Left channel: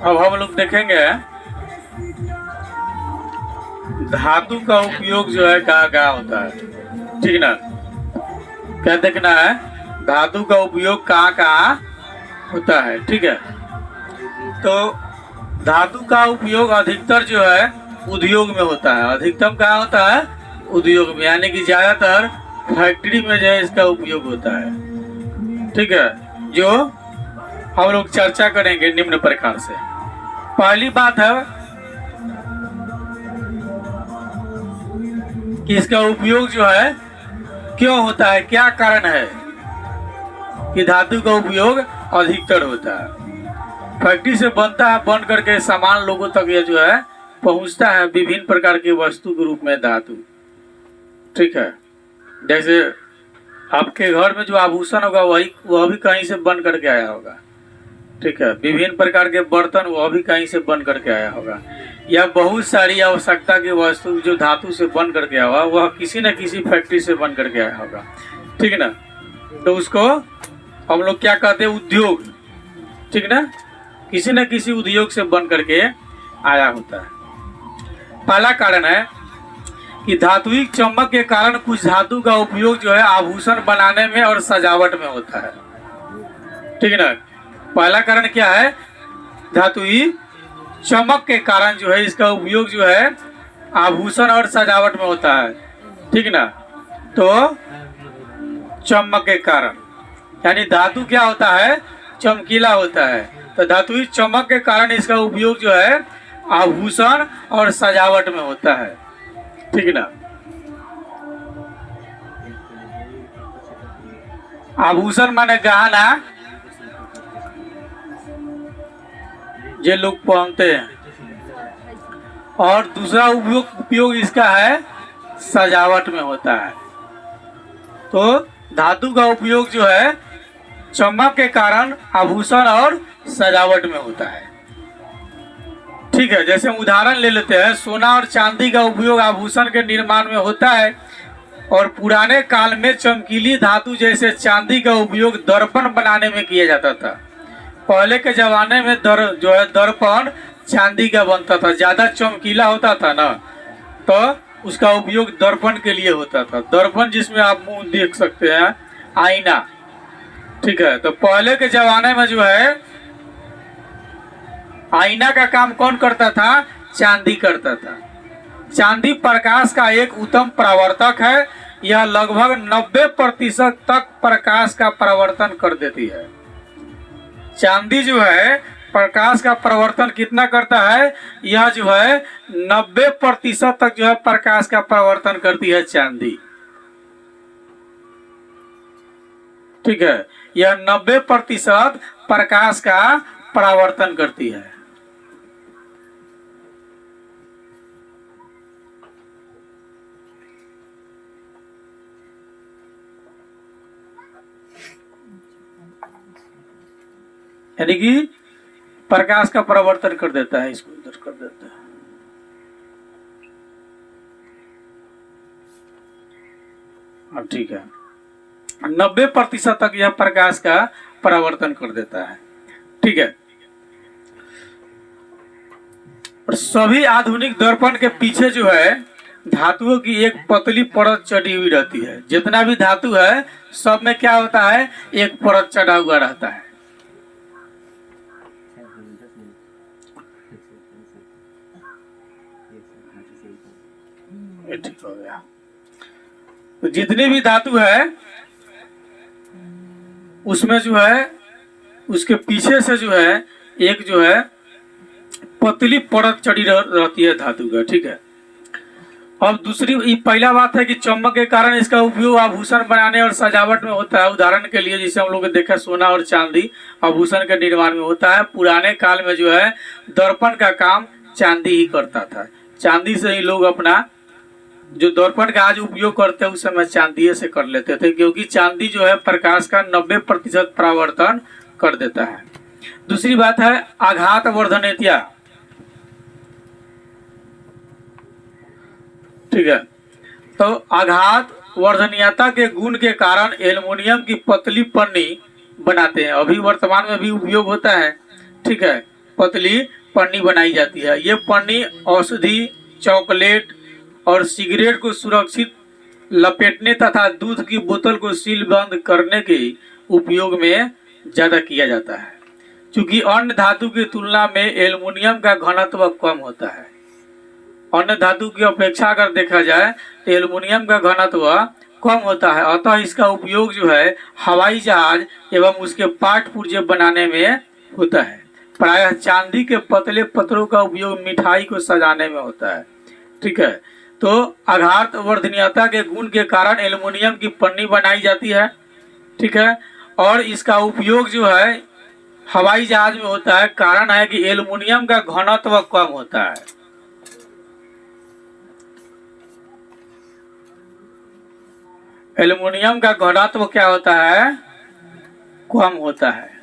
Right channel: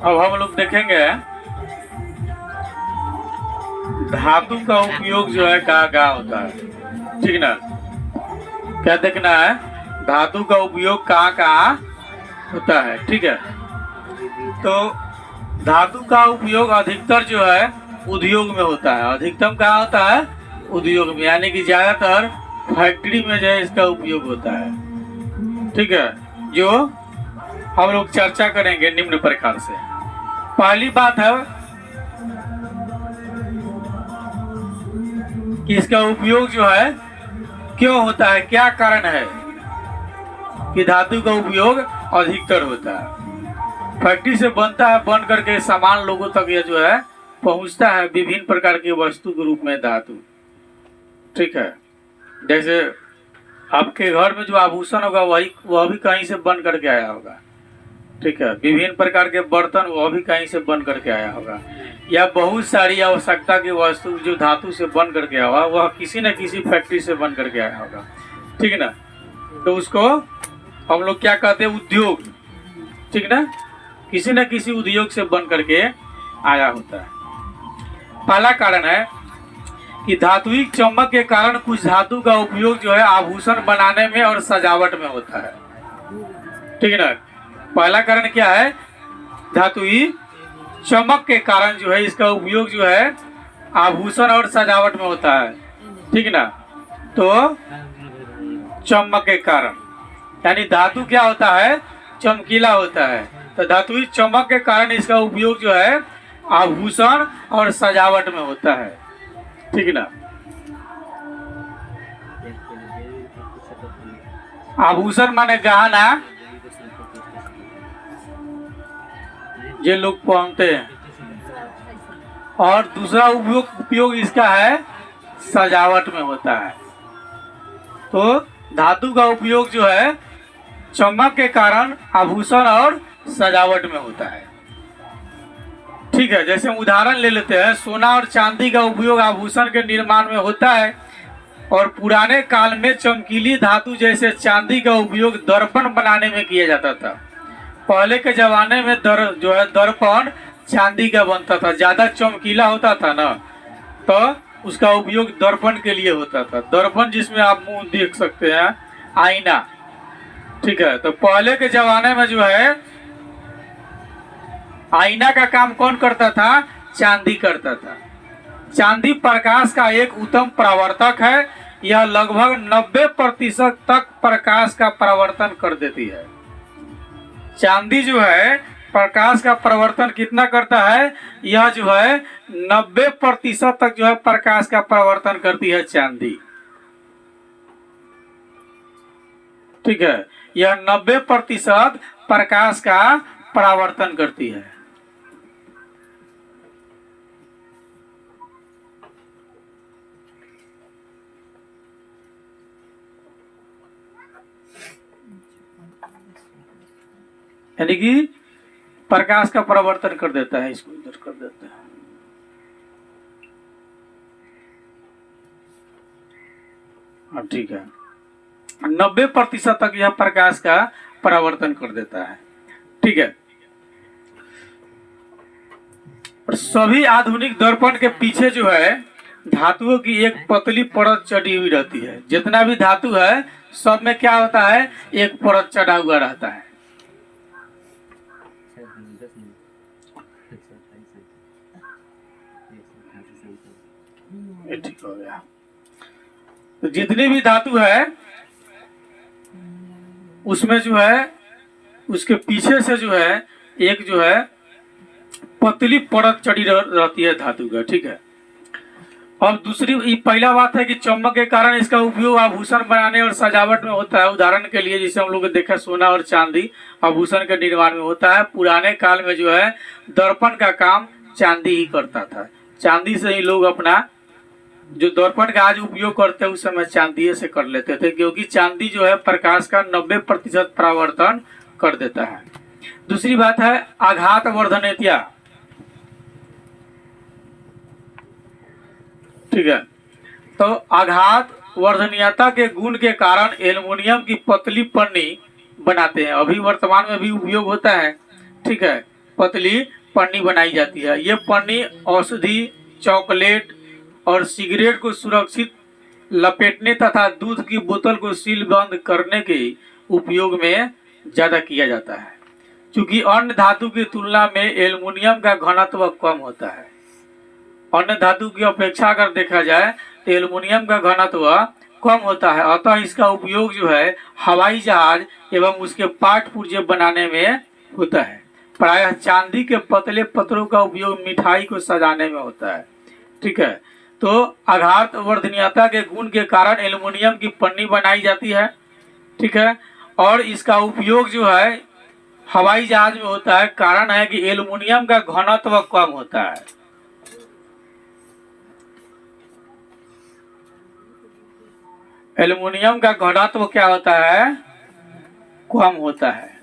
अब हम लोग देखेंगे धातु का उपयोग जो है कहाँ कहाँ होता है, ठीक ना। क्या देखना है, धातु का उपयोग कहाँ कहाँ होता है, ठीक है। तो धातु का उपयोग अधिकतर जो है उद्योग में होता है। अधिकतम कहाँ होता है, उद्योग में, यानी कि ज्यादातर फैक्ट्री में जो है इसका उपयोग होता है, ठीक है। जो हम लोग चर्चा करेंगे निम्न प्रकार से। पहली बात है कि इसका उपयोग जो है क्यों होता है, क्या कारण है कि धातु का उपयोग अधिकतर होता है। फैक्ट्री से बनता है, बन करके सामान लोगों तक ये जो है पहुंचता है विभिन्न प्रकार की वस्तु के रूप में धातु, ठीक है। जैसे आपके घर में जो आभूषण होगा वह भी कहीं से बन करके आया होगा, ठीक है। विभिन्न प्रकार के बर्तन वह भी कहीं से बन करके आया होगा, या बहुत सारी आवश्यकता की वस्तु जो धातु से बन करके आया होगा वह किसी न किसी फैक्ट्री से बन करके आया होगा, ठीक है ना। तो उसको हम लोग क्या कहते हैं, उद्योग, ठीक ना। किसी न किसी उद्योग से बन करके आया होता है। पहला कारण है कि धात्विक चमक के कारण कुछ धातु का उपयोग जो है आभूषण बनाने में और सजावट में होता है, ठीक है ना। पहला कारण क्या है, धात्विक चमक के कारण जो है इसका उपयोग जो है आभूषण और सजावट में होता है, ठीक ना। तो चमक के कारण, यानी धातु क्या होता है, चमकीला होता है। तो धात्विक चमक के कारण इसका उपयोग जो है आभूषण और सजावट में होता है, ठीक ना। आभूषण माने गहना ये लोग पहनते हैं, और दूसरा उपयोग इसका है सजावट में होता है। तो धातु का उपयोग जो है चमक के कारण आभूषण और सजावट में होता है, ठीक है। जैसे उदाहरण ले लेते हैं, सोना और चांदी का उपयोग आभूषण के निर्माण में होता है, और पुराने काल में चमकीली धातु जैसे चांदी का उपयोग दर्पण बनाने में किया जाता था। पहले के जमाने में जो है दर्पण चांदी का बनता था, ज्यादा चमकीला होता था ना, तो उसका उपयोग दर्पण के लिए होता था। दर्पण जिसमें आप मुंह देख सकते हैं, आईना, ठीक है। तो पहले के जमाने में जो है आईना का काम कौन करता था, चांदी करता था। चांदी प्रकाश का एक उत्तम परावर्तक है, यह लगभग 90% तक प्रकाश का परावर्तन कर देती है। चांदी जो है प्रकाश का परावर्तन कितना करता है, यह जो है 90% तक जो है प्रकाश का परावर्तन करती है चांदी, ठीक है। यह 90% प्रकाश का परावर्तन करती है। यानी कि प्रकाश का परावर्तन कर देता है, इसको इधर कर देता है। हाँ, ठीक है। 90% तक यह प्रकाश का परावर्तन कर देता है, ठीक है। और सभी आधुनिक दर्पण के पीछे जो है धातुओं की एक पतली परत चढ़ी हुई रहती है। जितना भी धातु है सब में क्या होता है, एक परत चढ़ा हुआ रहता है। ठीक हो गया। तो जितनी भी धातु है उसमें जो है उसके पीछे से जो है एक जो है पतली परत चढ़ी रहती है धातु का, ठीक है। अब दूसरी पहला बात है कि चमक के कारण इसका उपयोग आभूषण बनाने और सजावट में होता है। उदाहरण के लिए जिसे हम लोग देखा, सोना और चांदी आभूषण के निर्माण में होता है। पुराने काल में जो है दर्पण का काम चांदी ही करता था। चांदी से ही लोग अपना जो दर्पण का आज उपयोग करते हैं उस समय चांदी से कर लेते थे, क्योंकि चांदी जो है प्रकाश का 90% परावर्तन कर देता है। दूसरी बात है आघात वर्धनेत्या, ठीक है। तो आघात वर्धनीयता के गुण के कारण एल्युमिनियम की पतली पन्नी बनाते हैं। अभी वर्तमान में भी उपयोग होता है, ठीक है, पतली पन्नी बनाई जाती है। ये पन्नी औषधि, चॉकलेट और सिगरेट को सुरक्षित लपेटने तथा दूध की बोतल को सील बंद करने के उपयोग में ज्यादा किया जाता है। क्योंकि अन्य धातु की तुलना में एल्युमिनियम का घनत्व कम होता है। अन्य धातु की अपेक्षा अगर देखा जाए तो एल्युमिनियम का घनत्व कम होता है, अतः इसका उपयोग जो है हवाई जहाज एवं उसके पार्ट पुर्जे बनाने में होता है। प्रायः चांदी के पतले पत्रों का उपयोग मिठाई को सजाने में होता है। ठीक है, तो आघात वर्धनीयता के गुण के कारण एल्युमिनियम की पन्नी बनाई जाती है। ठीक है, और इसका उपयोग जो है हवाई जहाज में होता है। कारण है कि एल्युमिनियम का घनत्व कम होता है। एल्युमिनियम का घनत्व क्या होता है? कम होता है।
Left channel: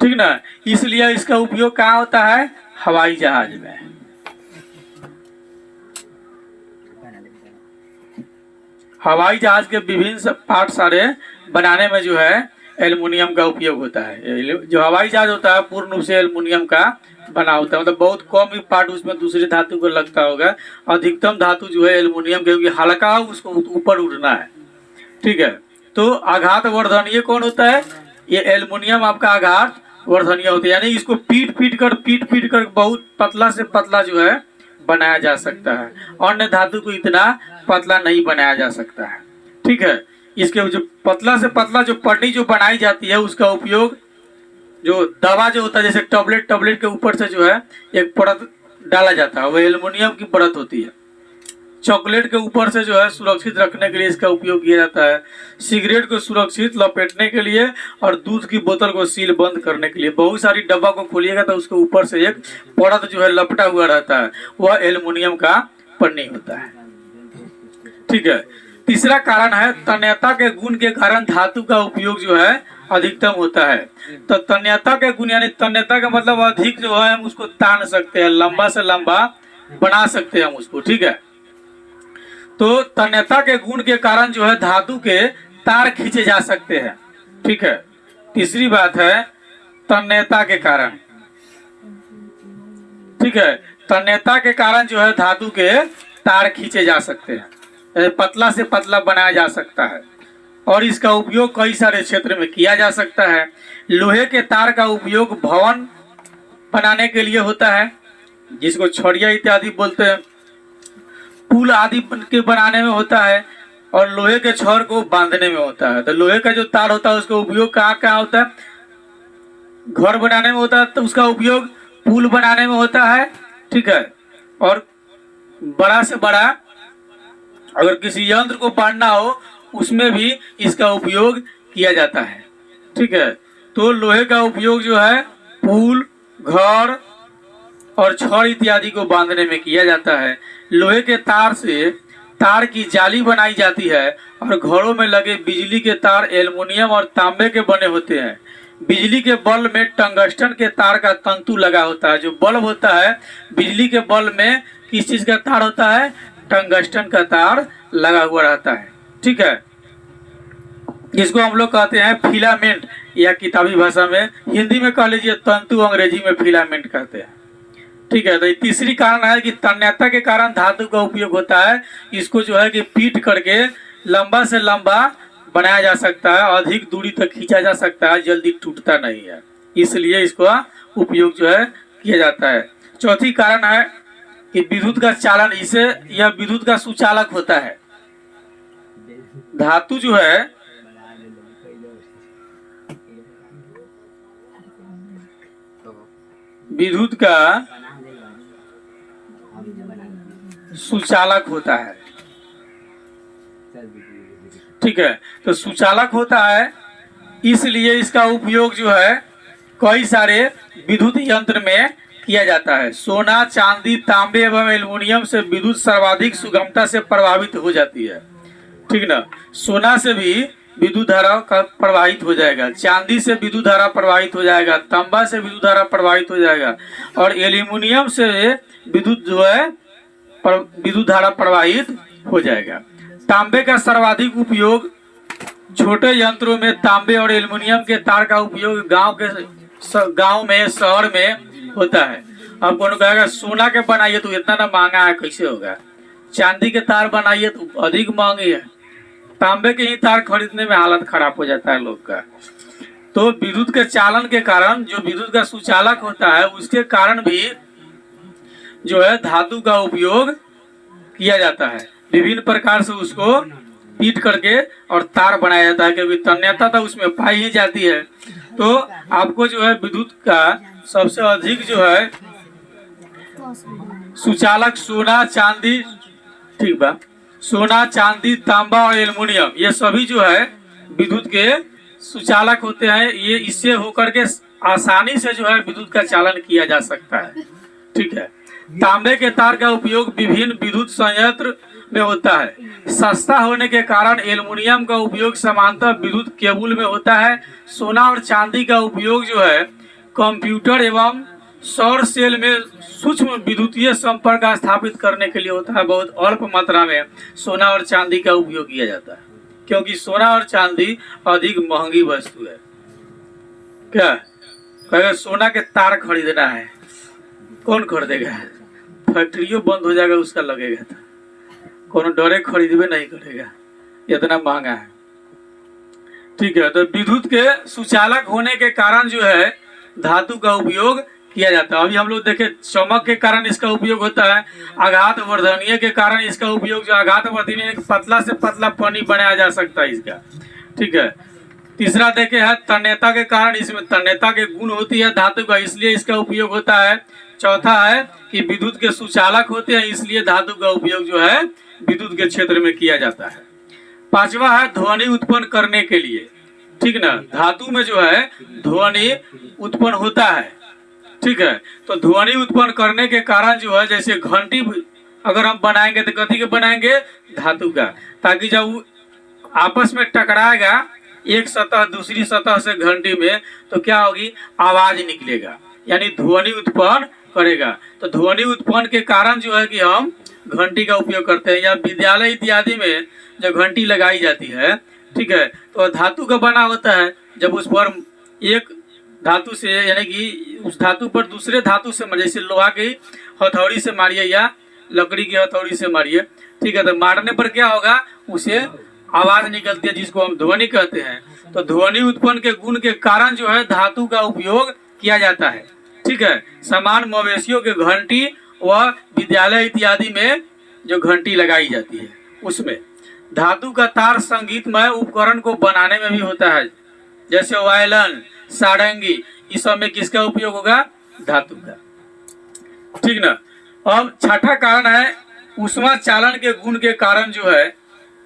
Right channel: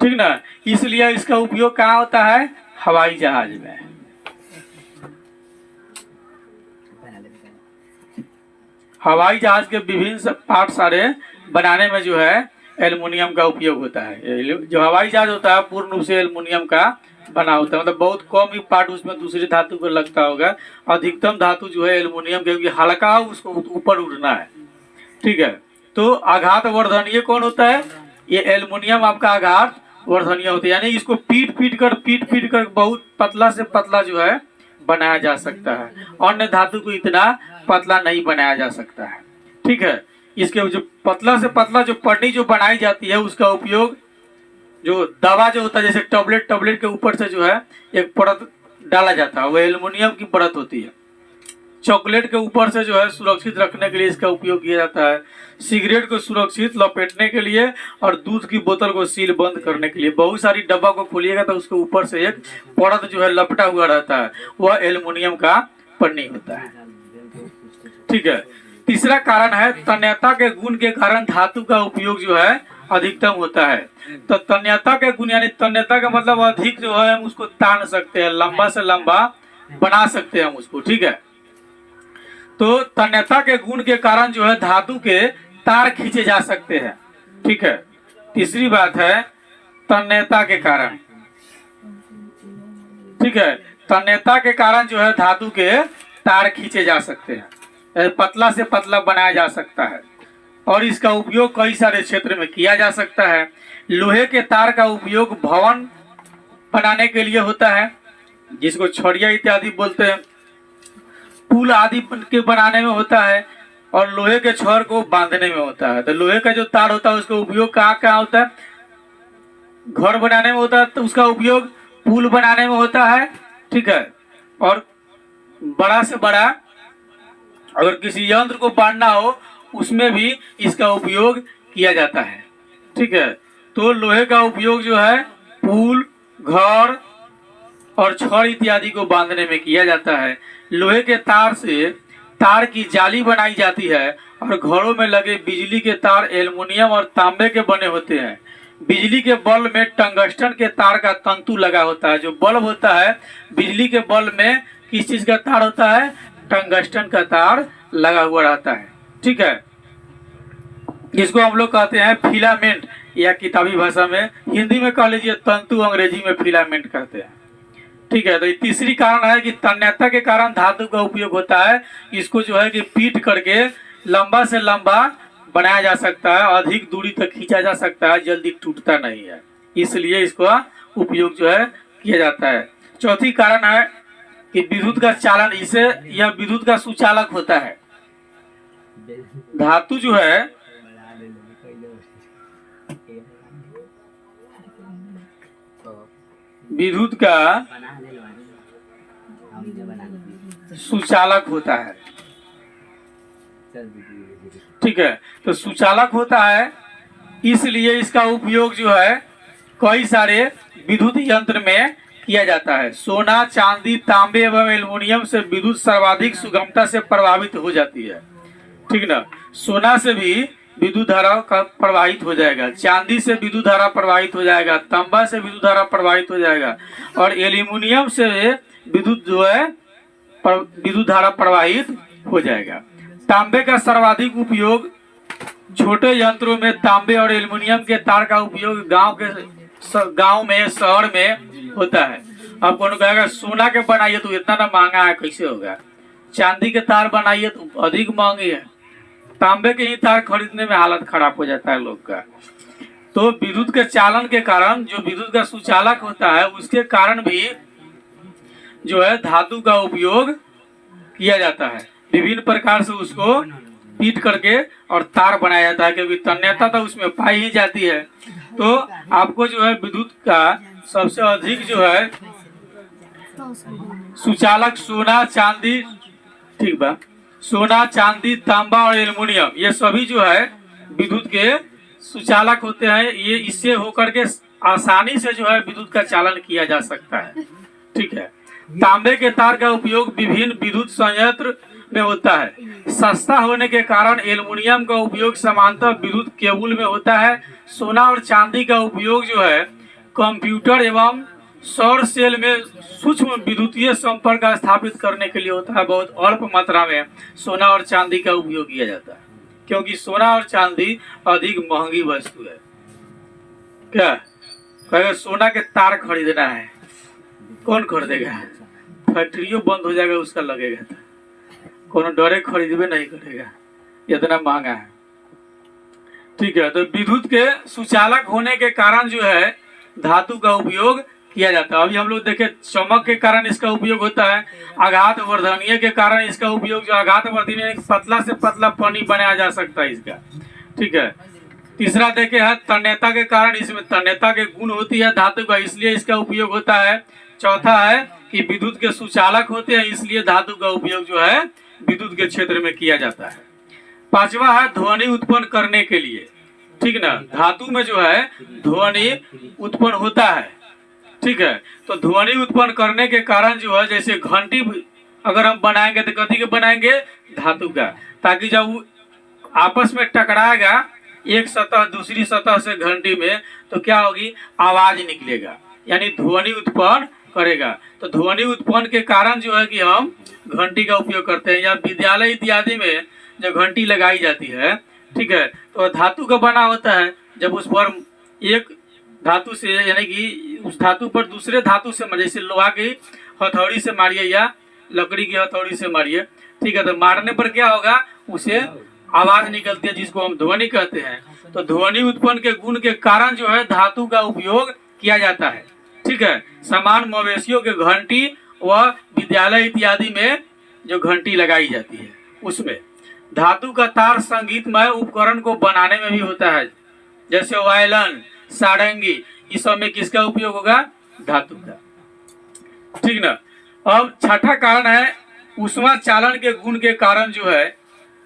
ठीक ना, इसलिए इसका उपयोग कहाँ होता है? हवाई जहाज में। हवाई जहाज के विभिन्न पार्ट सारे बनाने में जो है एल्युमिनियम का उपयोग होता है। जो हवाई जहाज होता है पूर्ण रूप से एल्युमिनियम का बना होता है, मतलब बहुत कम ही पार्ट उसमें दूसरे धातु को लगता होगा। अधिकतम धातु जो है एल्युमिनियम, क्योंकि हल्का उसको ऊपर उड़ना है। ठीक है, तो आघात वर्धनीय कौन होता है? ये एल्युमिनियम आपका आघात वर्धनीय होता है, यानी इसको पीट पीट कर बहुत पतला से पतला जो है बनाया जा सकता है। अन्य धातु को इतना पतला नहीं बनाया जा सकता है। ठीक है, इसके जो पतला से पतला जो पन्नी जो बनाई जाती है उसका उपयोग जो दवा जो होता है, जैसे टैबलेट के ऊपर से जो है एक परत डाला जाता है, वो एल्युमिनियम की परत होती है। चॉकलेट के ऊपर से जो है सुरक्षित रखने के लिए इसका उपयोग किया जाता है। सिगरेट को सुरक्षित लपेटने के लिए और दूध की बोतल को सील बंद करने के लिए। बहुत सारी डब्बा को खोलिएगा तो उसके ऊपर से एक परत जो है लपटा हुआ रहता है, वह एल्युमिनियम का पन्नी होता है। ठीक है, तीसरा कारण है तन्यता के गुण के कारण धातु का उपयोग जो है अधिकतम होता है। तो तन्यता के गुण यानी तन्यता का मतलब अधिक जो है हम उसको तान सकते हैं, लंबा से लंबा बना सकते हैं हम उसको। ठीक है, तो तन्यता के गुण के कारण जो है धातु के तार खींचे जा सकते हैं। ठीक है, तीसरी बात है तन्यता के कारण। ठीक है, तन्यता के कारण जो है धातु के तार खींचे जा सकते हैं, पतला से पतला बनाया जा सकता है और इसका उपयोग कई सारे क्षेत्र में किया जा सकता है। लोहे के तार का उपयोग भवन बनाने के लिए होता है, जिसको छड़िया इत्यादि बोलते हैं। पुल आदि के बनाने में होता है और लोहे के छड़ को बांधने में होता है। तो लोहे का जो तार होता है उसका उपयोग कहाँ कहाँ होता है? घर बनाने में होता है, तो उसका उपयोग पुल बनाने में होता है। ठीक है, और बड़ा से बड़ा अगर किसी यंत्र को बांधना हो उसमें भी इसका उपयोग किया जाता है। ठीक है, तो लोहे का उपयोग जो है पुल, घर और छड़ इत्यादि को बांधने में किया जाता है। लोहे के तार से तार की जाली बनाई जाती है और घरों में लगे बिजली के तार एल्युमिनियम और तांबे के बने होते हैं। बिजली के बल्ब में टंगस्टन के तार का तंतु लगा होता है। जो बल्ब होता है बिजली के बल्ब में किस चीज का तार होता है? टंगस्टन का तार लगा हुआ रहता है। ठीक है, जिसको हम लोग कहते हैं फिलामेंट, या किताबी भाषा में हिंदी में कह लीजिए तंतु, अंग्रेजी में फिलामेंट कहते हैं। ठीक है, तो ये तीसरी कारण है कि तन्यता के कारण धातु का उपयोग होता है। इसको जो है कि पीट करके लंबा से लंबा बनाया जा सकता है, अधिक दूरी तक खींचा जा सकता है, जल्दी टूटता नहीं है, इसलिए इसका उपयोग जो है किया जाता है। चौथी कारण है कि विद्युत का चालन, इसे यह विद्युत का सुचालक होता है। धातु जो है विद्युत का सुचालक होता है। ठीक है, तो सुचालक होता है, इसलिए इसका उपयोग जो है कई सारे विद्युत यंत्र में किया जाता है। सोना, चांदी, तांबे एवं एल्युमिनियम से विद्युत सर्वाधिक सुगमता से प्रभावित हो जाती है। ठीक ना, सोना से भी विद्युत धारा का प्रवाहित हो जाएगा, चांदी से विद्युत धारा प्रवाहित हो जाएगा, तांबा से विद्युत धारा प्रवाहित हो जाएगा और एल्युमिनियम से विद्युत जो है विद्युत धारा प्रवाहित हो जाएगा। तांबे का सर्वाधिक उपयोग छोटे यंत्रों में तांबे और एल्युमिनियम के तार का उपयोग गांव में, शहर में होता है। अब कौन कहेगा सोना के बनाइए तो इतना ना महंगा है, कैसे होगा? चांदी के तार बनाइए तो अधिक महंगी है। तांबे के ही तार खरीदने में हालत खराब हो जाता है लोग का। तो विद्युत के चालन के कारण, जो विद्युत का सुचालक होता है, उसके कारण भी जो है धातु का उपयोग किया जाता है। विभिन्न प्रकार से उसको पीट करके और तार बनाया जाता है, क्योंकि तन्यता तो उसमें पाई ही जाती है। तो आपको जो है विद्युत का सबसे अधिक जो है सुचालक सोना, चांदी, ठीक बा, सोना, चांदी, तांबा और एल्युमिनियम, ये सभी जो है विद्युत के सुचालक होते हैं। ये इससे होकर के आसानी से जो है विद्युत का चालन किया जा सकता है। ठीक है। तांबे के तार का उपयोग विभिन्न विद्युत संयंत्र में होता है। सस्ता होने के कारण एल्युमिनियम का उपयोग समानांतर विद्युत केबल में होता है। सोना और चांदी का उपयोग जो है कंप्यूटर एवं सौर सेल में सूक्ष्म विद्युतीय संपर्क स्थापित करने के लिए होता है। बहुत अल्प मात्रा में सोना और चांदी का उपयोग किया जाता है, क्योंकि सोना और चांदी अधिक महंगी वस्तु है। क्या कहेगा सोना के तार खरीदना है, कौन खरीदेगा? फैक्ट्रियों बंद हो जाएगा उसका लगेगा, था कौन डरे खरीदबे नहीं करेगा, इतना महंगा है। ठीक है। तो विद्युत के सुचालक होने के कारण जो है धातु का उपयोग किया जाता है। अभी हम लोग देखे चमक के कारण इसका उपयोग होता है। आघात वर्धनीय के कारण इसका उपयोग, जो आघात वर्धनीय पतला से पतला पानी बनाया जा सकता है इसका। ठीक है। तीसरा देखे है तन्यता के कारण, इसमें तन्यता के गुण होती है धातु का, इसलिए इसका उपयोग होता है। चौथा है कि विद्युत के सुचालक होते हैं, इसलिए धातु का उपयोग जो है विद्युत के क्षेत्र में किया जाता है। पांचवा है ध्वनि उत्पन्न करने के लिए। ठीक ना, धातु में जो है ध्वनि उत्पन्न होता है। ठीक है। तो ध्वनि उत्पन्न करने के कारण जो है, जैसे घंटी अगर हम बनाएंगे तो कथी के बनाएंगे? धातु का, ताकि जब वो आपस में टकराएगा एक सतह दूसरी सतह से घंटी में, तो क्या होगी? आवाज निकलेगा, यानी ध्वनि उत्पन्न करेगा। तो ध्वनि उत्पन्न के कारण जो है कि हम घंटी का उपयोग करते हैं, या विद्यालय इत्यादि में जो घंटी लगाई जाती है। ठीक है। तो धातु का बना होता है। जब उस पर एक धातु से, यानी कि उस धातु पर दूसरे धातु से, जैसे लोहा की हथौड़ी से मारिए या लकड़ी की हथौड़ी से मारिए, ठीक है, तो मारने पर क्या होगा? उसे आवाज निकलती है, जिसको हम ध्वनि कहते हैं। तो ध्वनि उत्पन्न के गुण के कारण जो है धातु का उपयोग किया जाता है। ठीक है। समान मवेशियों के घंटी व विद्यालय इत्यादि में जो घंटी लगाई जाती है, उसमें धातु का तार संगीतमय उपकरण को बनाने में भी होता है, जैसे वायलन, सारंगी, इस सब में किसका उपयोग होगा? धातु का। ठीक ना। अब छठा कारण है ऊष्मा चालन के गुण के कारण जो है,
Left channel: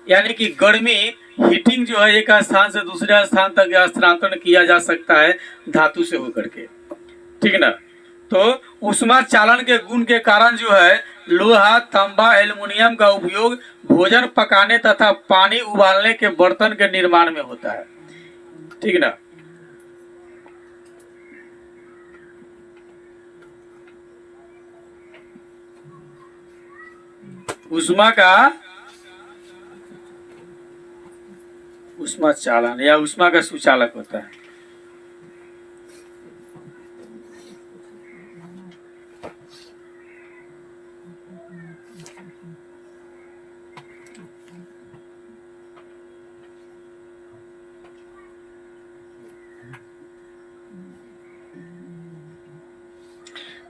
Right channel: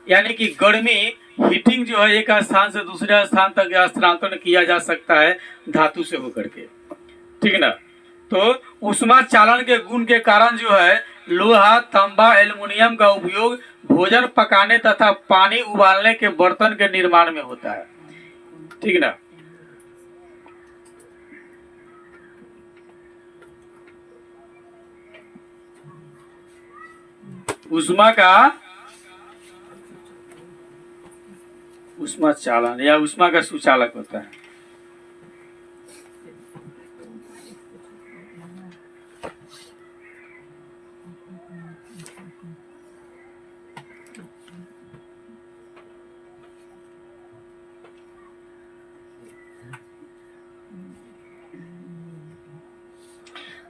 यानी कि गर्मी, हीटिंग जो है एक स्थान से दूसरे स्थान तक स्थानांतरण किया जा सकता है धातु से होकर के। ठीक ना। तो ऊष्मा चालन के गुण के कारण जो है लोहा, तांबा, एल्युमिनियम का उपयोग भोजन पकाने तथा पानी उबालने के बर्तन के निर्माण में होता है। ठीक ना। ऊष्मा चालन या ऊष्मा का सुचालक होता है।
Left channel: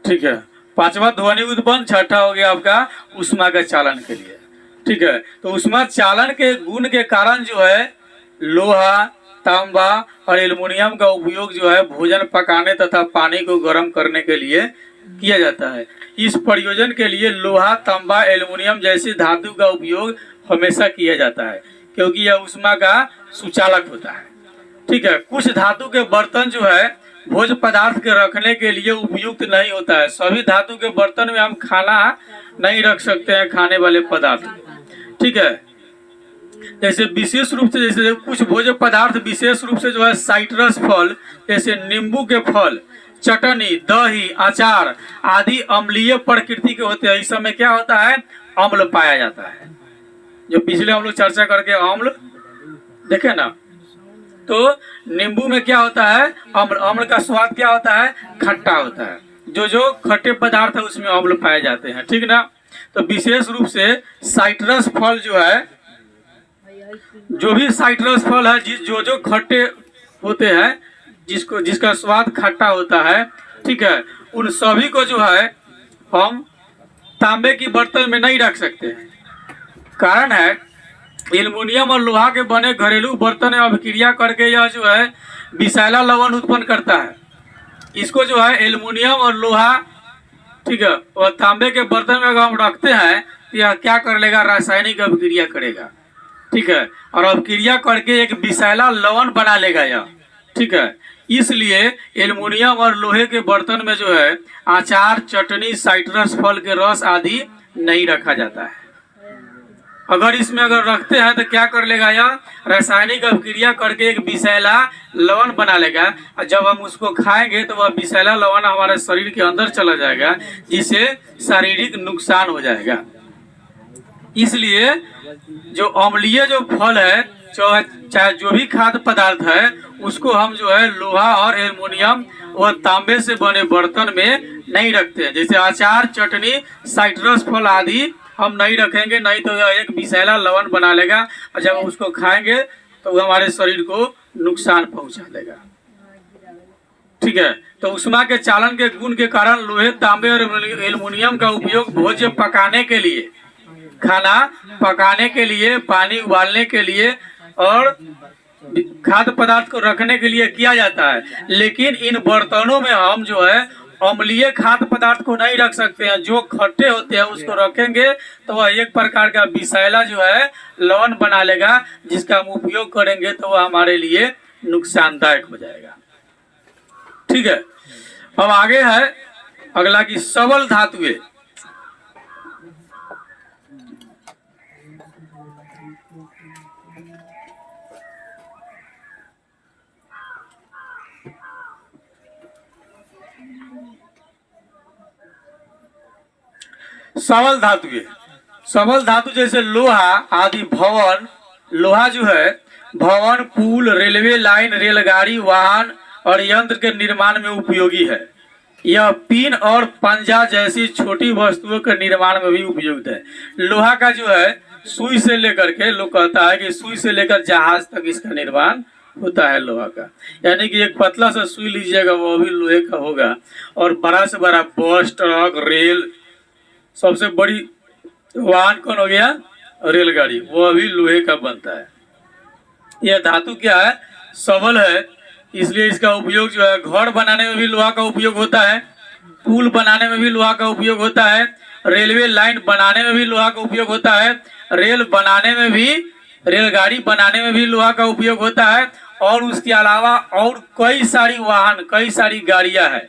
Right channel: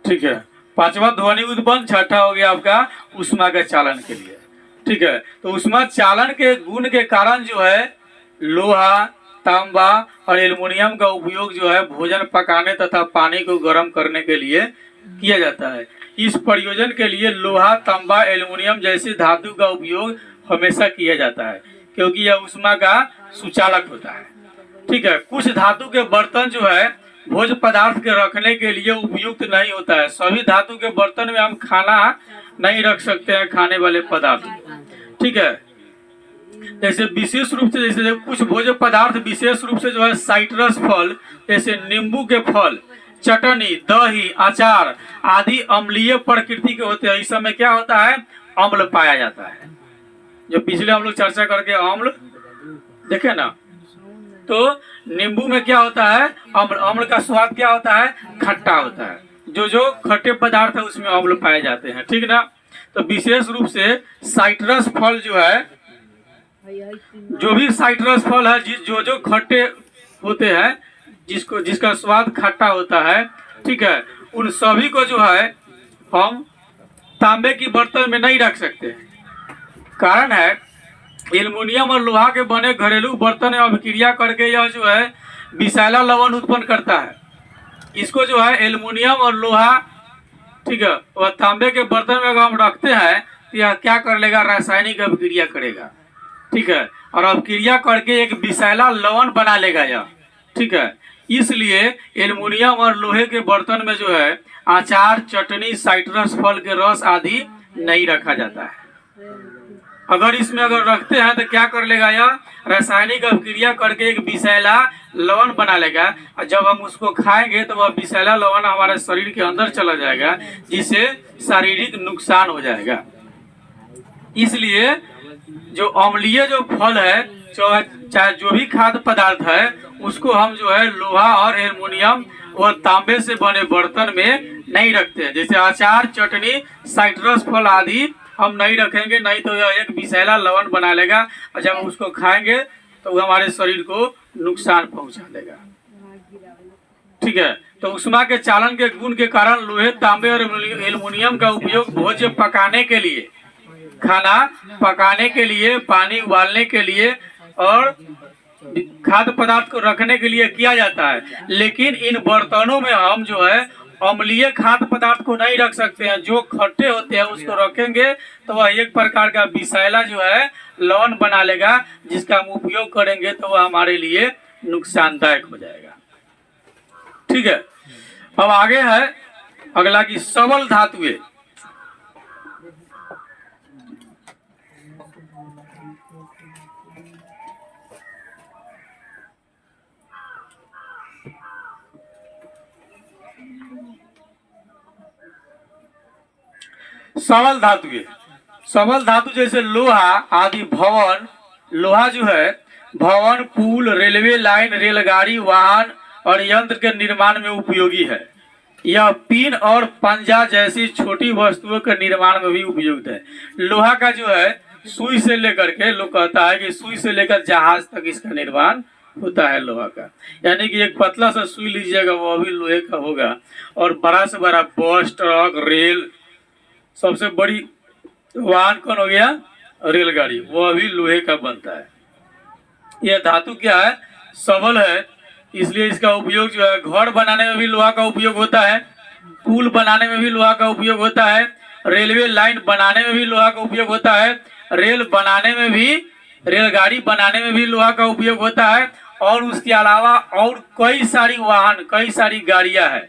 ठीक है। पांचवा ध्वनि उत्पन्न, छठा हो गया आपका ऊष्मा के चालन के लिए। ठीक है। तो ऊष्मा चालन के गुण के कारण जो है लोहा, तांबा और एल्युमिनियम का उपयोग जो है भोजन पकाने तथा पानी को गर्म करने के लिए किया जाता है। इस प्रयोजन के लिए लोहा, तांबा, एल्युमिनियम जैसी धातु का उपयोग हमेशा किया जाता है, क्योंकि यह ऊष्मा का सुचालक होता है। ठीक है। कुछ धातु के बर्तन जो है भोज्य पदार्थ के रखने के लिए उपयुक्त नहीं होता है। सभी धातु के बर्तन में हम खाना नहीं रख सकते हैं, खाने वाले पदार्थ। ठीक है। जैसे विशेष रूप से, जैसे कुछ भोज्य पदार्थ विशेष रूप से जो है साइट्रस फल, जैसे नींबू के फल, चटनी, दही, अचार आदि अम्लीय प्रकृति के होते हैं। इस समय क्या होता है? अम्ल पाया जाता है। जो पिछले हम लोग चर्चा करके अम्ल देखे ना। तो नींबू में क्या होता है, अम्ल। अम्ल का स्वाद क्या होता है, खट्टा होता है। जो जो खट्टे पदार्थ है उसमें अम्ल पाए जाते हैं, ठीक ना। तो विशेष रूप से साइट्रस फल जो है, जो भी साइट्रस फल है, जो जो खट्टे होते हैं, जिसका स्वाद खट्टा होता है, ठीक है, उन सभी को जो है हम तांबे की बर्तन में नहीं रख सकते। कारण है, एल्युमिनियम और लोहा के बने घरेलू बर्तन में अभिक्रिया करके यह जो है विषैला लवण उत्पन्न करता है। इसको जो है एल्युमिनियम और लोहा, ठीक है, और तांबे के बर्तन में अगर हम रखते हैं तो यह क्या कर लेगा, रासायनिक अभिक्रिया करेगा, ठीक है, और अभिक्रिया करके एक विषैला लवण बना लेगा यह, ठीक है। इसलिए एल्युमिनियम और लोहे के बर्तन में जो है अचार, चटनी, साइट्रस फल के रस आदि नहीं रखा जाता है। अगर इसमें अगर रखते हैं तो क्या कर लेगा, यह रासायनिक अभिक्रिया करके एक विषैला लवण बना लेगा, और जब हम उसको खाएंगे तो वह विषैला लवण हमारे शरीर के अंदर चला जाएगा, जिससे शारीरिक नुकसान हो जाएगा। इसलिए जो अम्लीय जो फल है, चाहे जो भी खाद्य पदार्थ है, उसको हम जो है लोहा और एल्युमिनियम और तांबे से बने बर्तन में नहीं रखते हैं। जैसे अचार, चटनी, साइट्रस फल आदि हम नहीं रखेंगे, नहीं तो यह एक विषैला लवण बना लेगा, और जब हम उसको खाएंगे तो वो हमारे शरीर को नुकसान पहुंचा देगा, ठीक है। तो उष्मा के चालन के गुण के कारण लोहे, तांबे और एल्युमिनियम का उपयोग भोज्य पकाने के लिए, खाना पकाने के लिए, पानी उबालने के लिए और खाद्य पदार्थ को रखने के लिए किया जाता है। लेकिन इन बर्तनों में हम जो है अम्लीय खाद्य पदार्थ को नहीं रख सकते हैं। जो खट्टे होते हैं उसको रखेंगे तो वह एक प्रकार का विषैला जो है लवण बना लेगा, जिसका हम उपयोग करेंगे तो वह हमारे लिए नुकसानदायक हो जाएगा, ठीक है। अब आगे है अगला की सबल धातुएं। सबल धातुएं, सबल धातु जैसे लोहा आदि भवन। लोहा जो है भवन, पुल, रेलवे लाइन, रेलगाड़ी, वाहन और यंत्र के निर्माण में उपयोगी है। यह पिन और पंजा जैसी छोटी वस्तुओं के निर्माण में भी उपयुक्त है। लोहा का जो है सुई से लेकर के, लोग कहता है कि सुई से लेकर जहाज तक इसका निर्माण होता है लोहा का। यानी कि एक पतला सा सुई लीजिएगा वो भी लोहे का होगा, और बड़ा से बड़ा बस, ट्रक, रेल, सबसे बड़ी वाहन कौन हो गया, रेलगाड़ी, वो भी लोहे का बनता है। यह धातु क्या है, सबल है, इसलिए इसका उपयोग जो है घर बनाने में भी लोहा का उपयोग होता है, पुल बनाने में भी लोहा का उपयोग होता है, रेलवे लाइन बनाने में भी लोहा का उपयोग होता है, रेल बनाने में भी, रेलगाड़ी बनाने में भी लोहा का उपयोग होता है, और उसके अलावा और कई सारी वाहन, कई सारी गाड़ियां हैं,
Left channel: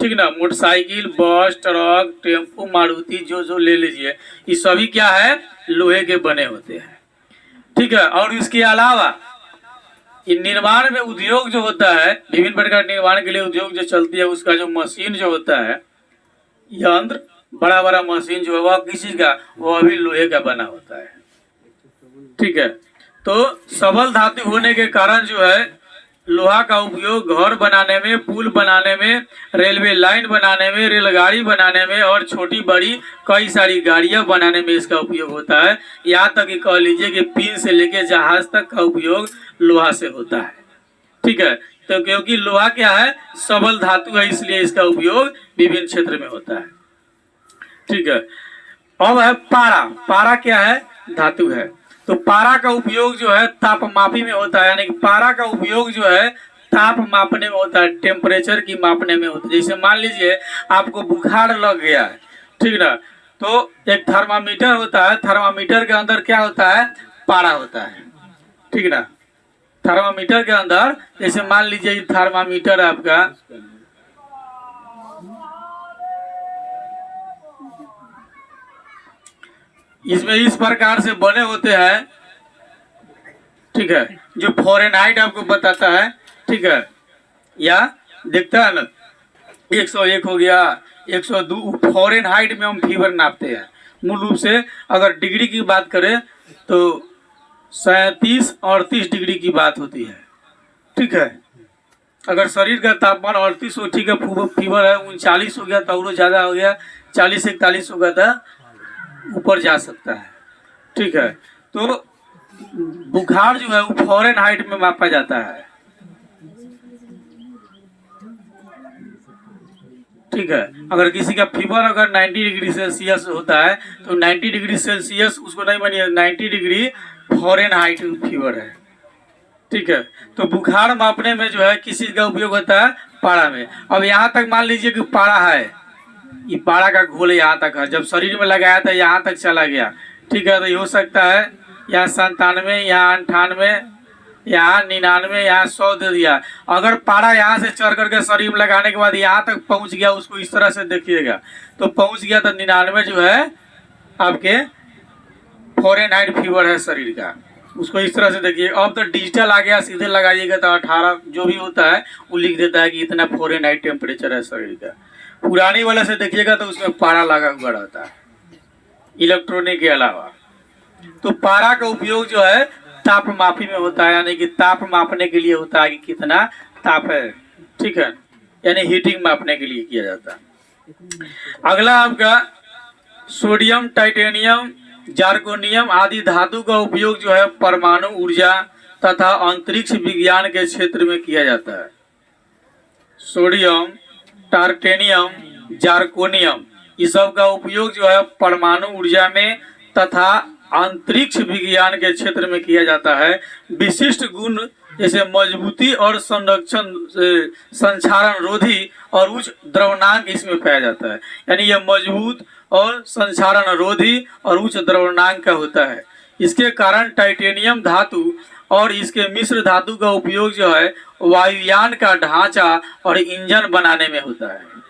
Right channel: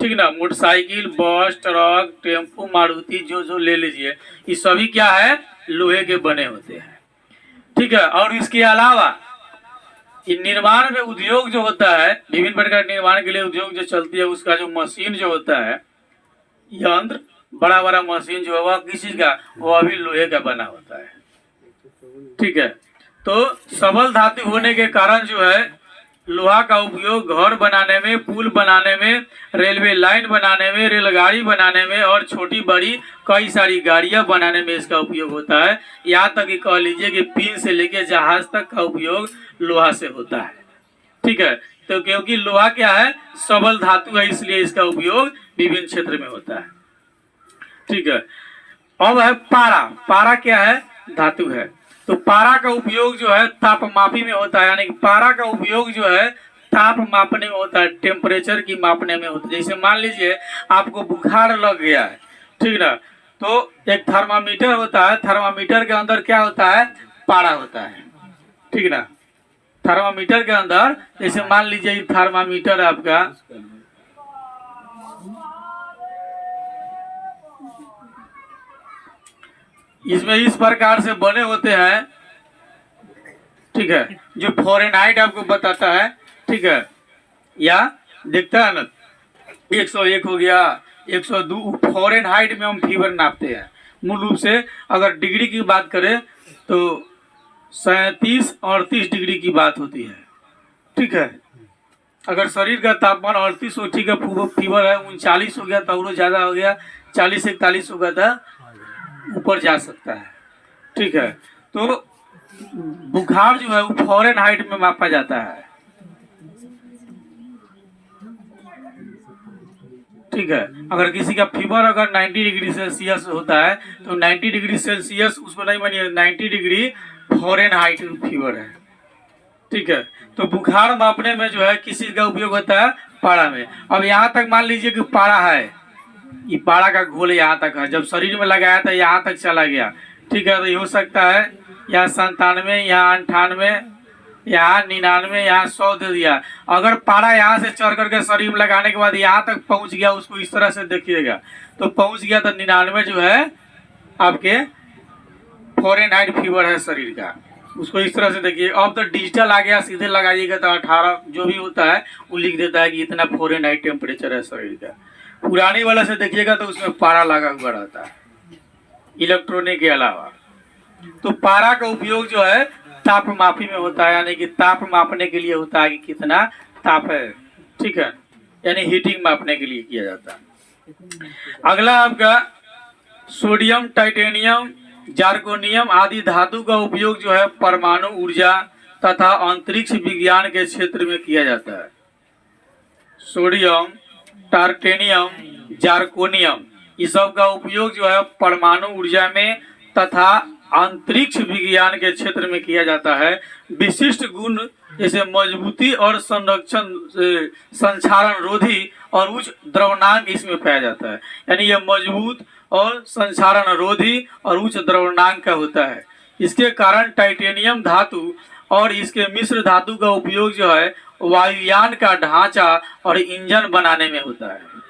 ठीक ना, मोटरसाइकिल, बस, ट्रक, टेम्पो, मारुति, जो जो ले लीजिए, ये सभी क्या है, लोहे के बने होते हैं, ठीक है। और इसके अलावा ये निर्माण में उद्योग जो होता है, विभिन्न प्रकार के निर्माण के लिए उद्योग जो चलती है, उसका जो मशीन जो होता है, यंत्र, बड़ा बड़ा मशीन जो है वह किसी का, वह भी लोहे का बना होता है, ठीक है। तो सबल धातु होने के कारण जो है लोहा का उपयोग घर बनाने में, पुल बनाने में, रेलवे लाइन बनाने में, रेलगाड़ी बनाने में और छोटी बड़ी कई सारी गाड़ियां बनाने में इसका उपयोग होता है। यहाँ तक कि कह लीजिए कि पिन से लेकर जहाज तक का उपयोग लोहा से होता है, ठीक है। तो क्योंकि लोहा क्या है, सबल धातु है, इसलिए इसका उपयोग विभिन्न क्षेत्र में होता है, ठीक है। अब है पारा। पारा क्या है, धातु है। तो पारा का उपयोग जो है तापमापी में होता है, यानी कि पारा का उपयोग जो है ताप मापने में होता है, टेम्परेचर की मापने में होता है। जैसे मान लीजिए आपको बुखार लग गया है, ठीक ना, तो एक थर्मामीटर होता है, थर्मामीटर के अंदर क्या होता है, पारा होता है, ठीक ना। थर्मामीटर के अंदर जैसे मान लीजिए थर्मामीटर आपका, इसमें इस प्रकार से बने होते हैं, ठीक है, जो फ़ारेनहाइट आपको बताता है, ठीक है, या देखता है ना 101 हो गया, 102, फ़ारेनहाइट में हम फीवर नापते हैं। मूल रूप से अगर डिग्री की बात करें तो 37-38 डिग्री की बात होती है। ठीक है, अगर शरीर का तापमान 38 हो, ठीक है, फीवर है 39 हो गया तो और ज़्यादा हो गया, 40-41 होगा तो ऊपर जा सकता है। ठीक है, तो बुखार जो है वो फ़ारेनहाइट में मापा जाता है। ठीक है, अगर किसी का फीवर अगर 90 डिग्री सेल्सियस होता है तो 90 डिग्री सेल्सियस उसको नहीं मानिए, 90 डिग्री फ़ारेनहाइट फीवर है। ठीक है, तो बुखार मापने में जो है किस चीज़ का उपयोग होता है? पारा में। अब यहाँ तक मान लीजिए कि पारा है, ये पारा का घोल यहाँ तक है, जब शरीर में लगाया था यहाँ तक चला गया। ठीक है, तो ये हो सकता है यहाँ 97, यहाँ 98, यहाँ 99, यहाँ 100 दे दिया। अगर पारा यहाँ से चढ़ करके शरीर में लगाने के बाद यहाँ तक पहुँच गया, उसको इस तरह से देखिएगा, तो पहुँच गया तो 99 जो है आपके फ़ारेनहाइट फीवर है शरीर का, उसको इस तरह से देखिए। अब तो डिजिटल आ गया, सीधे लगाइएगा तो 18 जो भी होता है वो लिख देता है कि इतना फ़ारेनहाइट टेम्परेचर है शरीर का। पुरानी वाला से देखिएगा तो उसमें पारा लगा हुआ रहता है इलेक्ट्रॉनिक के अलावा। तो पारा का उपयोग जो है ताप मापी में होता है, यानी कि ताप मापने के लिए होता है कि कितना ताप है। ठीक है, यानी हीटिंग मापने के लिए किया जाता है। अगला आपका सोडियम, टाइटेनियम, जार्कोनियम आदि धातु का उपयोग जो है परमाणु ऊर्जा तथा अंतरिक्ष विज्ञान के क्षेत्र में किया जाता है। सोडियम, टार्टेनियम, जार्कोनियम इस सब का उपयोग जो है परमाणु ऊर्जा में तथा अंतरिक्ष विज्ञान के क्षेत्र में किया जाता है। विशिष्ट गुण जैसे मजबूती और संरक्षण, संक्षारण रोधी और उच्च द्रवणांक इसमें पाया जाता है। यानी यह मजबूत और संक्षारण रोधी और उच्च द्रवणांक का होता है। इसके कारण टाइटेनियम धातु और इसके मिश्र धातु का उपयोग जो है वायुयान का ढांचा और इंजन बनाने में होता है।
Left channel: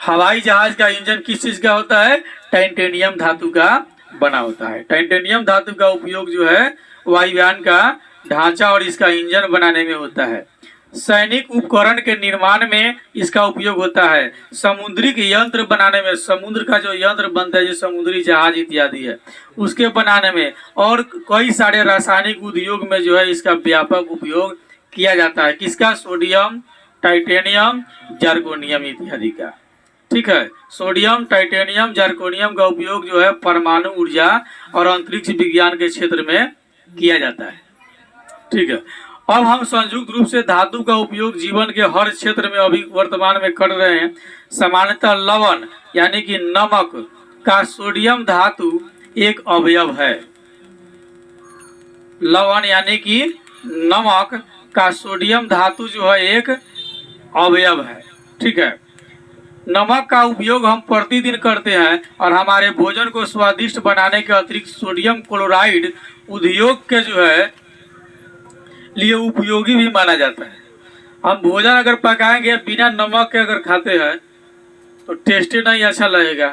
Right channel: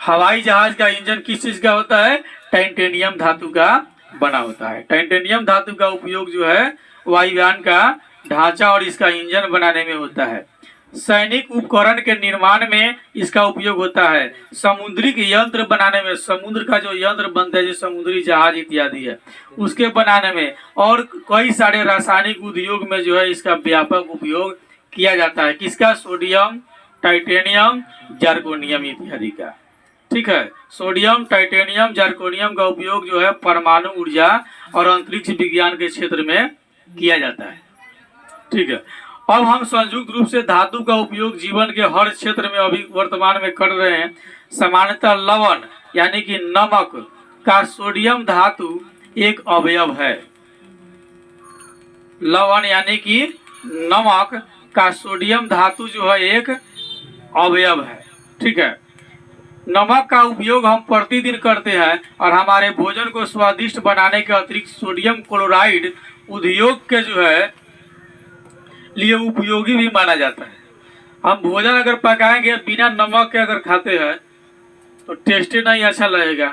हवाई जहाज का इंजन किस चीज का होता है? टाइटेनियम धातु का बना होता है। टाइटेनियम धातु का उपयोग जो है वायुयान का ढांचा और इसका इंजन बनाने में होता है। सैनिक उपकरण के निर्माण में इसका उपयोग होता है। समुद्री के यंत्र बनाने में, समुद्र का जो यंत्र बनता है जो समुद्री जहाज इत्यादि है उसके बनाने में, और कई सारे रासायनिक उद्योग में जो है इसका व्यापक उपयोग किया जाता है। किसका? सोडियम, टाइटेनियम, जार्कोनियम इत्यादि का। ठीक है, सोडियम, टाइटेनियम, जार्कोनियम का उपयोग जो है परमाणु ऊर्जा और अंतरिक्ष विज्ञान के क्षेत्र में किया जाता है। ठीक है, अब हम संयुक्त रूप से धातु का उपयोग जीवन के हर क्षेत्र में अभी वर्तमान में कर रहे हैं। सामान्यतः लवण यानी कि नमक का सोडियम धातु एक अवयव है। लवण यानी कि नमक का सोडियम धातु जो है एक अवयव है। ठीक है, नमक का उपयोग हम प्रतिदिन करते हैं और हमारे भोजन को स्वादिष्ट बनाने के अतिरिक्त सोडियम क्लोराइड उद्योग के जो है लिए उपयोगी भी माना जाता है। हम भोजन अगर पकाएंगे बिना नमक के अगर खाते हैं तो टेस्ट नहीं अच्छा लगेगा।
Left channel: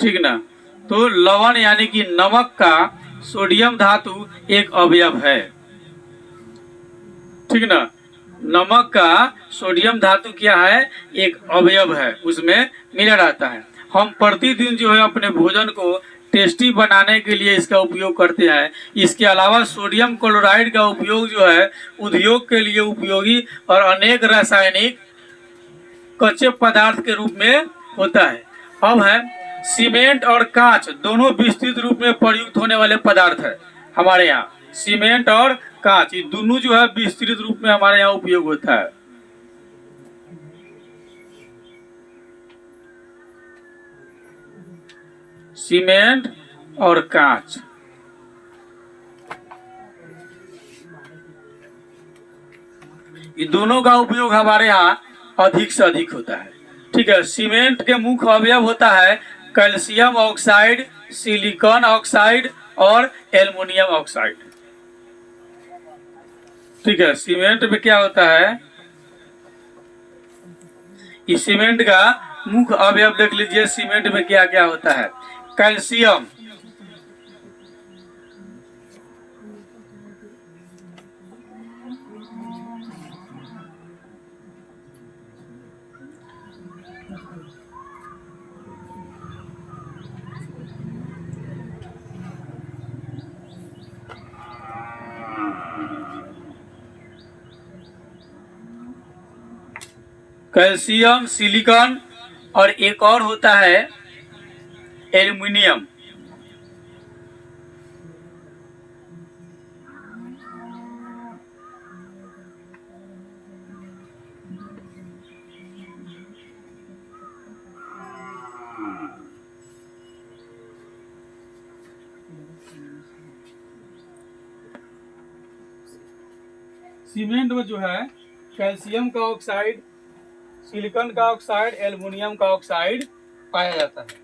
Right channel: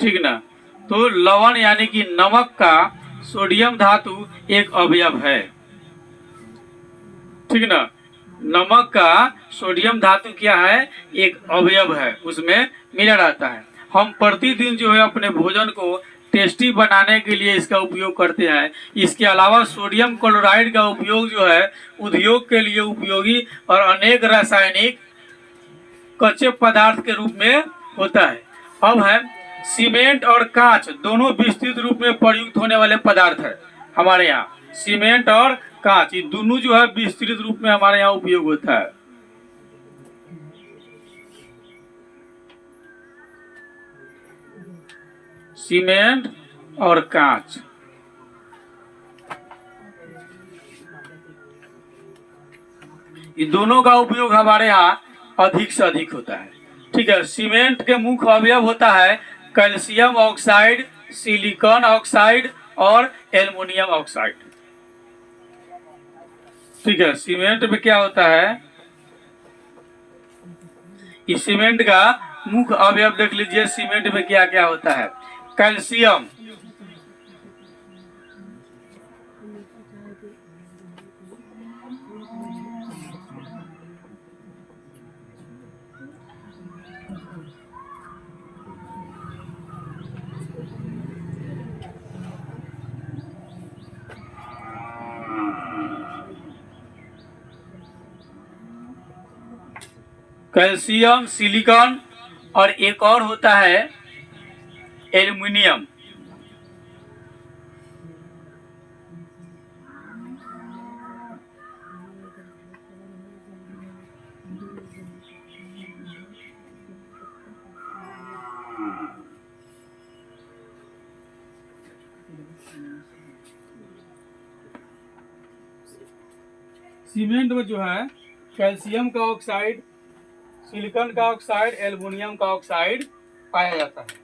ठीक ना, तो लवण यानी कि नमक का सोडियम धातु एक अवयव है। ठीक ना, नमक का सोडियम धातु क्या है? एक अवयव है, उसमें मिला रहता है। हम प्रतिदिन जो है अपने भोजन को टेस्टी बनाने के लिए इसका उपयोग करते हैं। इसके अलावा सोडियम क्लोराइड का उपयोग जो है उद्योग के लिए उपयोगी और अनेक रासायनिक कच्चे पदार्थ के रूप में होता है। अब है सीमेंट और कांच दोनों विस्तृत रूप में प्रयुक्त होने वाले पदार्थ है हमारे यहाँ। सीमेंट और कांच ये दोनों जो है विस्तृत रूप में हमारे यहाँ उपयोग होता है। सीमेंट और कांच ये दोनों का उपयोग हमारे यहाँ अधिक से अधिक होता है। ठीक है, सीमेंट के मुख्य अवयव होता है कैल्शियम ऑक्साइड, सिलिकॉन ऑक्साइड और एल्युमिनियम ऑक्साइड। ठीक है, सीमेंट में क्या होता है? इस सीमेंट का मुख्य अवयव देख लीजिए, सीमेंट में क्या क्या होता है? कैल्शियम, कैल्शियम, सिलिकॉन और एक और होता है एल्युमिनियम। सीमेंट में जो है कैल्शियम का ऑक्साइड, सिलिकॉन का ऑक्साइड, एल्युमिनियम का ऑक्साइड पाया जाता है।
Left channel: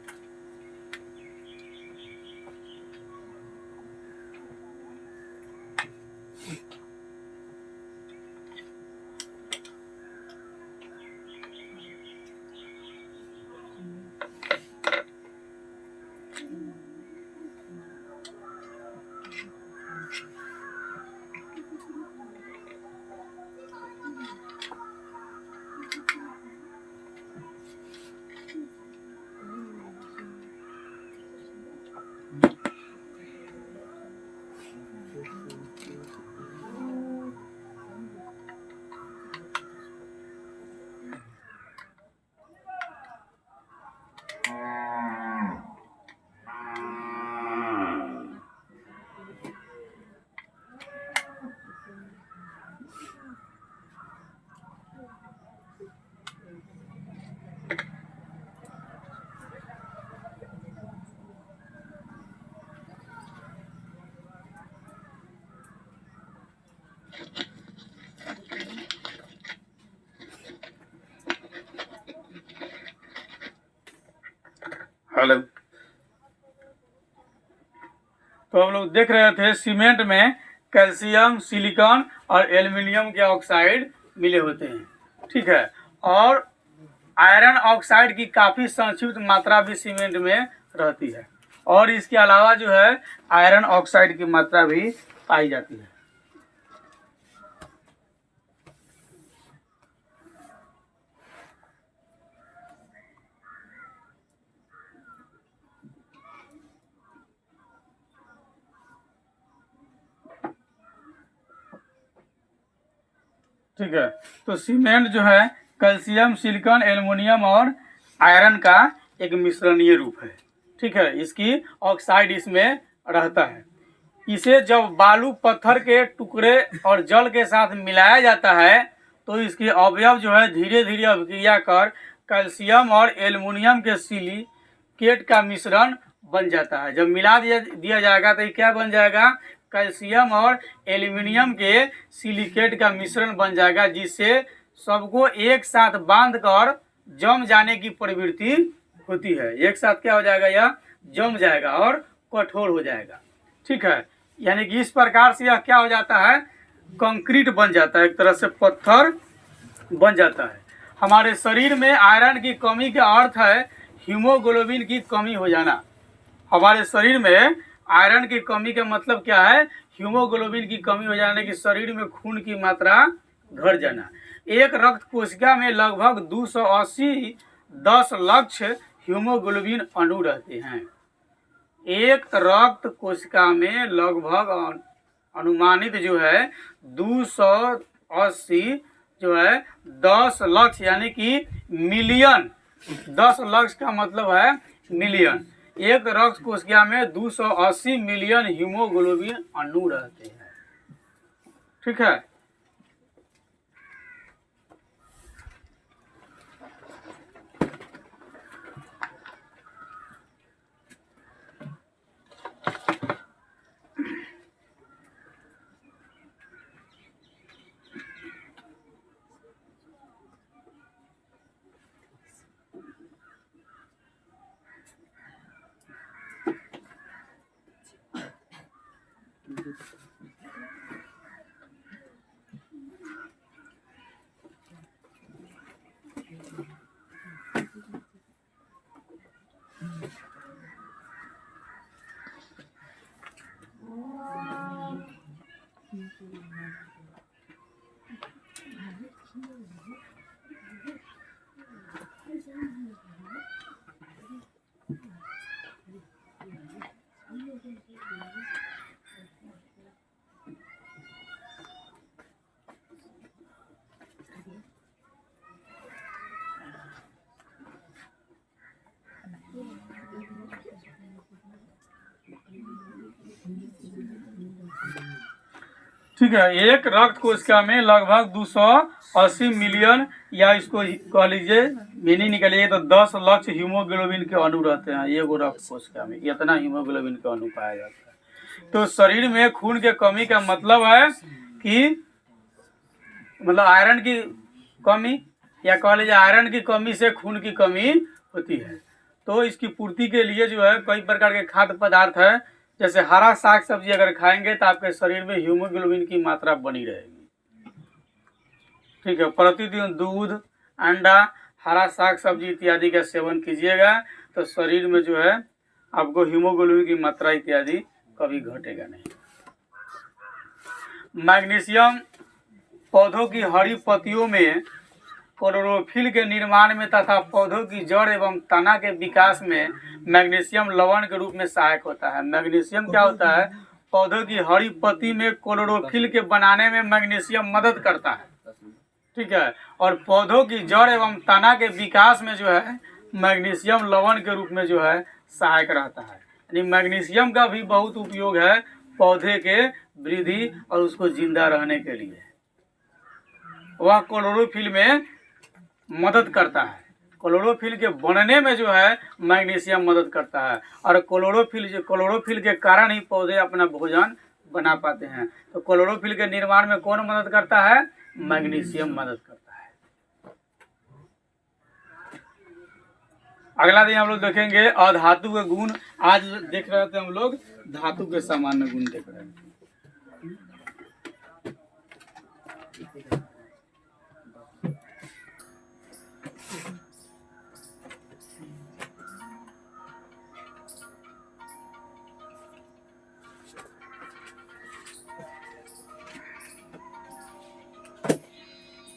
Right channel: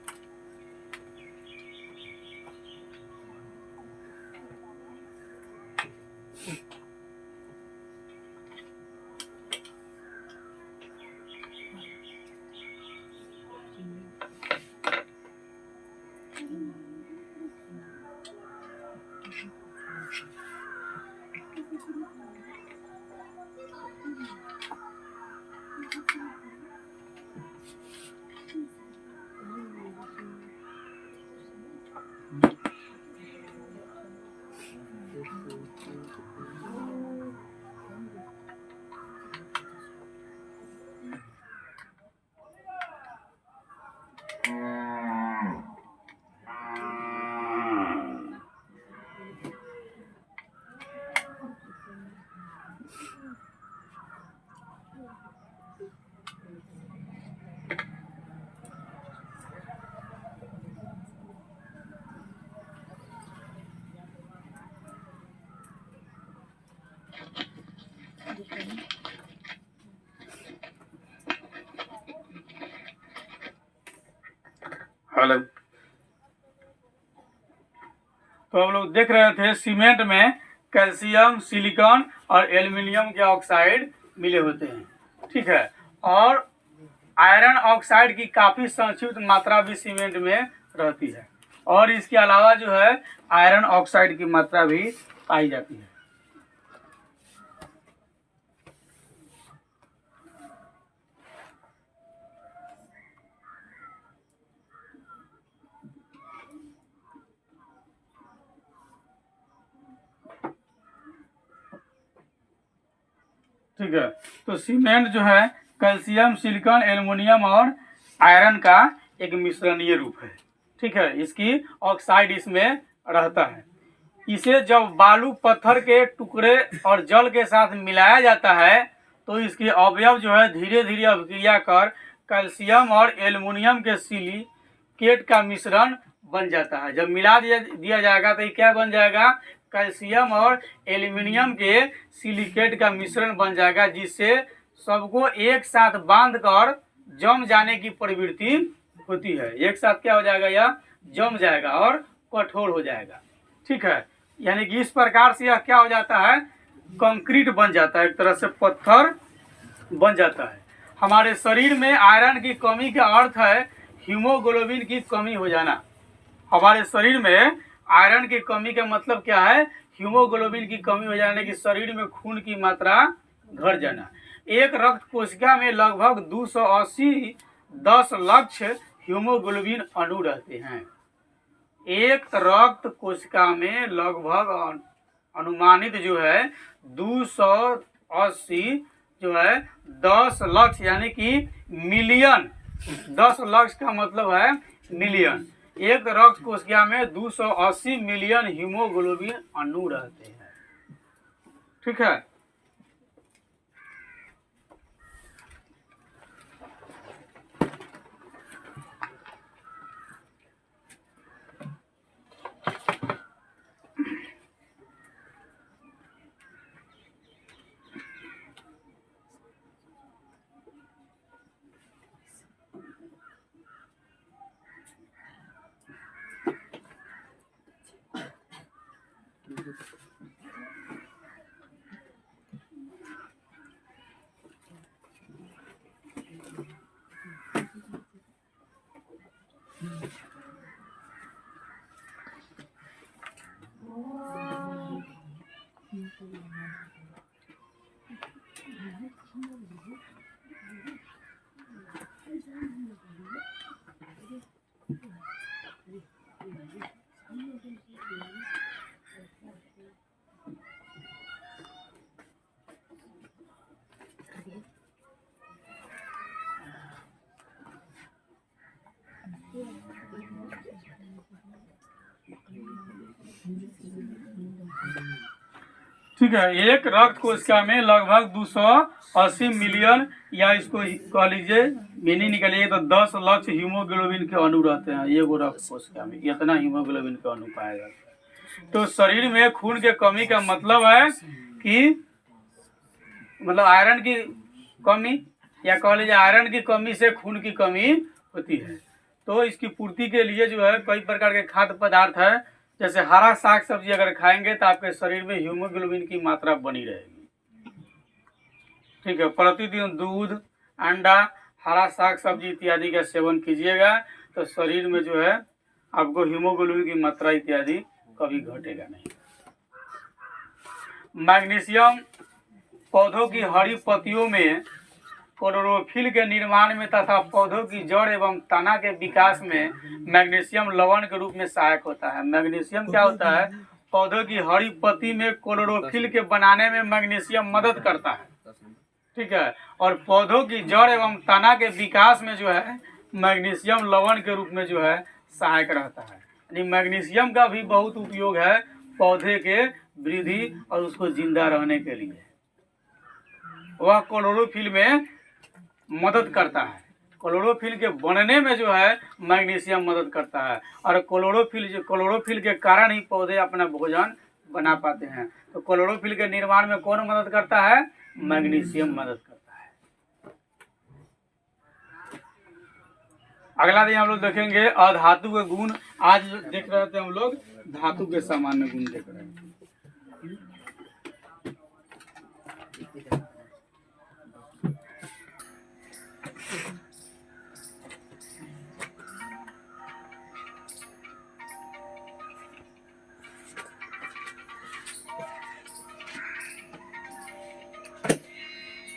हेलो। तो हम लोग देख रहे थे सीमेंट में कैल्शियम, सिलिकॉन और एल्युमिनियम के ऑक्साइड मिले होते हैं, ठीक है। और आयरन ऑक्साइड की काफ़ी संक्षिप्त मात्रा भी सीमेंट में रहती है, और इसके अलावा जो है आयरन ऑक्साइड की मात्रा भी पाई जाती है। ठीक है। तो सीमेंट जो है कैल्शियम, सिलिकॉन, एल्युमिनियम और आयरन का एक मिश्रणीय रूप है, ठीक है। इसकी ऑक्साइड इसमें रहता है। इसे जब बालू, पत्थर के टुकड़े और जल के साथ मिलाया जाता है तो इसके अवयव जो है धीरे धीरे अभिक्रिया कर कैल्शियम और एल्युमिनियम के सिलिकेट का मिश्रण बन जाता है। जब मिला दिया जाएगा तो ये क्या बन जाएगा? कैल्शियम और एल्युमिनियम के सिलिकेट का मिश्रण बन जाएगा, जिससे सबको एक साथ बांध कर जम जाने की प्रवृत्ति होती है। एक साथ क्या हो जाएगा? यह जम जाएगा और कठोर हो जाएगा, ठीक है। यानी कि इस प्रकार से यह क्या हो जाता है? कंक्रीट बन जाता है, एक तरह से पत्थर बन जाता है। हमारे शरीर में आयरन की कमी का अर्थ है हीमोग्लोबिन की कमी हो जाना। हमारे शरीर में आयरन की कमी का मतलब क्या है? हीमोग्लोबिन की कमी हो जाने की, शरीर में खून की मात्रा घट जाना। एक रक्त कोशिका में लगभग 280 10 लाख हीमोग्लोबिन अणु रहते हैं। एक रक्त कोशिका में लगभग अनुमानित जो है 280 जो है 10 लाख यानी कि मिलियन। 10 लाख का मतलब है मिलियन। एक रक्त कोशिका में 280 मिलियन हीमोग्लोबिन अणु रहते हैं, ठीक है। ठीक है। एक रक्त कोशिका में लगभग 280 मिलियन, या इसको कह लीजिए मीनिंग निकालिए तो 10 लाख हीमोग्लोबिन के अणु रहते हैं एक रक्त कोशिका में। इतना हीमोग्लोबिन का अणु पाया जाता है। तो शरीर में खून के कमी का मतलब है कि मतलब आयरन की कमी, या कह लीजिए आयरन की कमी से खून की कमी होती है। तो इसकी पूर्ति के लिए जो है कई प्रकार के खाद्य पदार्थ है, जैसे हरा साग सब्जी अगर खाएंगे तो आपके शरीर में हीमोग्लोबिन की मात्रा बनी रहेगी। ठीक है। प्रतिदिन दूध, अंडा, हरा साग सब्जी इत्यादि का सेवन कीजिएगा तो शरीर में जो है आपको हीमोग्लोबिन की मात्रा इत्यादि कभी घटेगा नहीं। मैग्नीशियम पौधों की हरी पत्तियों में क्लोरोफिल के निर्माण में तथा पौधों की जड़ एवं तना के विकास में मैग्नीशियम लवण के रूप में सहायक होता है। मैग्नीशियम क्या होता है? पौधों की हरी पत्ती में क्लोरोफिल के बनाने में मैग्नीशियम मदद करता है। ठीक है। और पौधों की जड़ एवं तना के विकास में जो है मैग्नीशियम लवण के रूप में जो है सहायक रहता है। यानी मैग्नीशियम का भी बहुत उपयोग है पौधे के वृद्धि और उसको जिंदा रहने के लिए। वह क्लोरोफिल में मदद करता है। क्लोरोफिल के बनने में जो है मैग्नीशियम मदद करता है, और क्लोरोफिल के कारण ही पौधे अपना भोजन बना पाते हैं। तो क्लोरोफिल के निर्माण में कौन मदद करता है? मैग्नीशियम मदद करता है। अगला दिन हम लोग देखेंगे अधातु के गुण। आज देख रहे थे हम लोग धातु के सामान्य गुण देख रहे हैं।